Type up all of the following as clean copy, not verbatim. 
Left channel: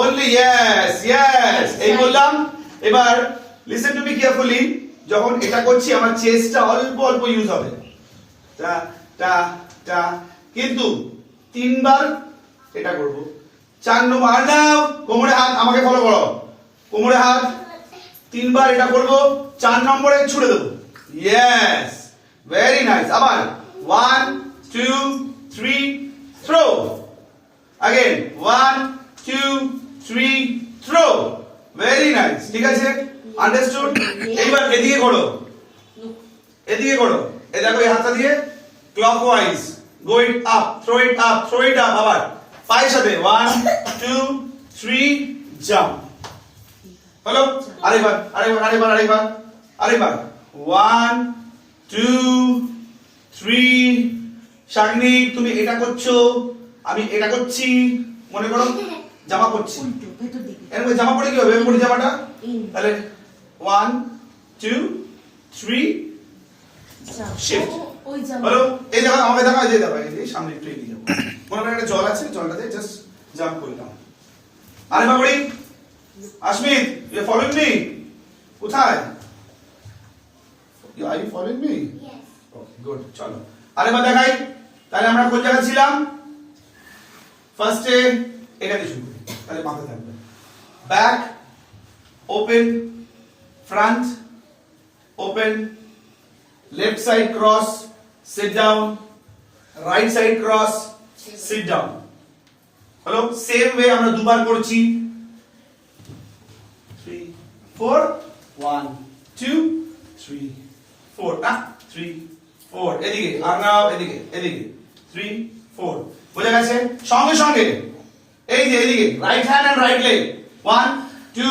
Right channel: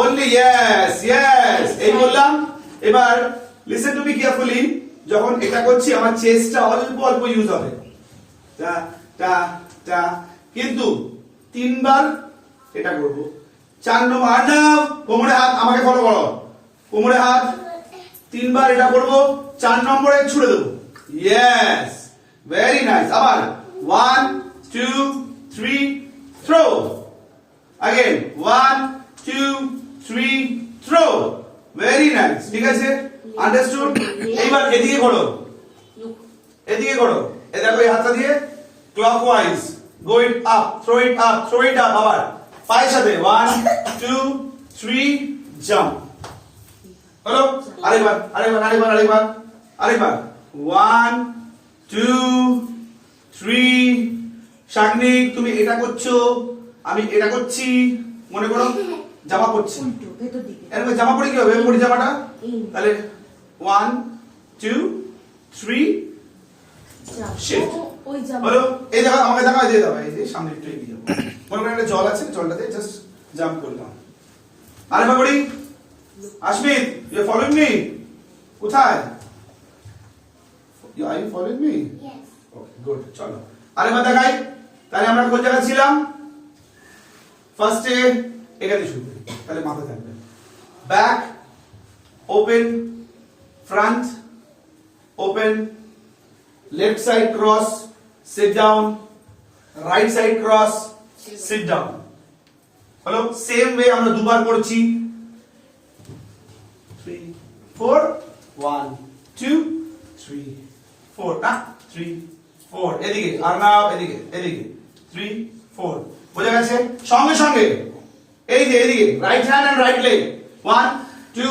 only yes yes এই বললাম এবার listen to me carefully যখন এটা করছি আমার চেস্টটা অল্প অল্প ইউজ হবে টা টা টা কিন্তু তিনবার এটা করব 4 নম্বর আর নাও কোমরে হাত আমাকে ফলো করো কোমরে হাত তিনবার এটা করব 4 নম্বরে ছুড়ে দেব yes very nice আবার 1 2 3 throw again 1 2 3 throw very nice ঠিক আছে understood এইবার এদিকে করো এই দেখো এই হাতটা দিয়ে clockwise go it up throw it up আবার পায়ের সাথে 1 2 3 jump হলো আরেকবার 1 2 3 শাগনি তুমি এটা করছো আমি এটা করছি মনে করো জামা পরছি এরকম জামা পরে কি হবে পরে জামাটা তাহলে 1 2 3 শিফট হলো এই জায়গা আমাকে দেখা দিয়ে দাও এই সামনে একটু এগিয়ে যাবো মনে করেন একটা জল আছে জলটাতে জাস্ট জাম্প করলাম আরেকবার করি Ashmit you are following me কোথায় আর you following me Yes. Okay good চলো আরেকবার দেখাই তাহলে আমরা কোন জায়গায় ছিলাম ফার্স্টে এটা দিয়ে শুরু করি তাহলে মাথা থাকবে back open front open left side cross sit down right side cross sit down হলো সেম ওয়ে আমরা দুবার করছি 3 4 1 2 3 4 না 3 4 এদিকে আর নাও এদিকে 3 4 বুঝা গেছে সঙ্গে সঙ্গে এই যে এদিকে right hand and right leg 1 2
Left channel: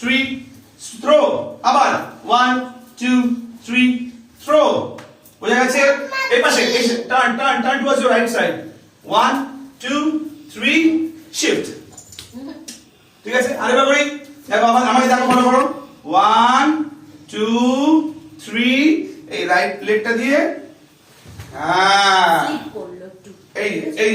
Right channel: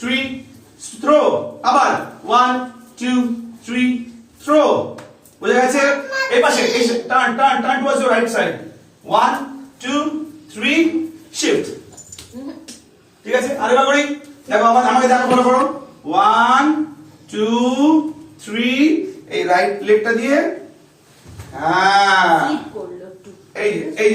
3 throw আবার 1 2 3 থ্রো বুঝা গেছে এই পাশে turn towards your right side 1 2 3 shift ঠিক আছে আরেকবার করি দেখো আমাকে দেখো ফলো করো 1 2 3 এই রাইট লেগটা দিয়ে হ্যাঁ এই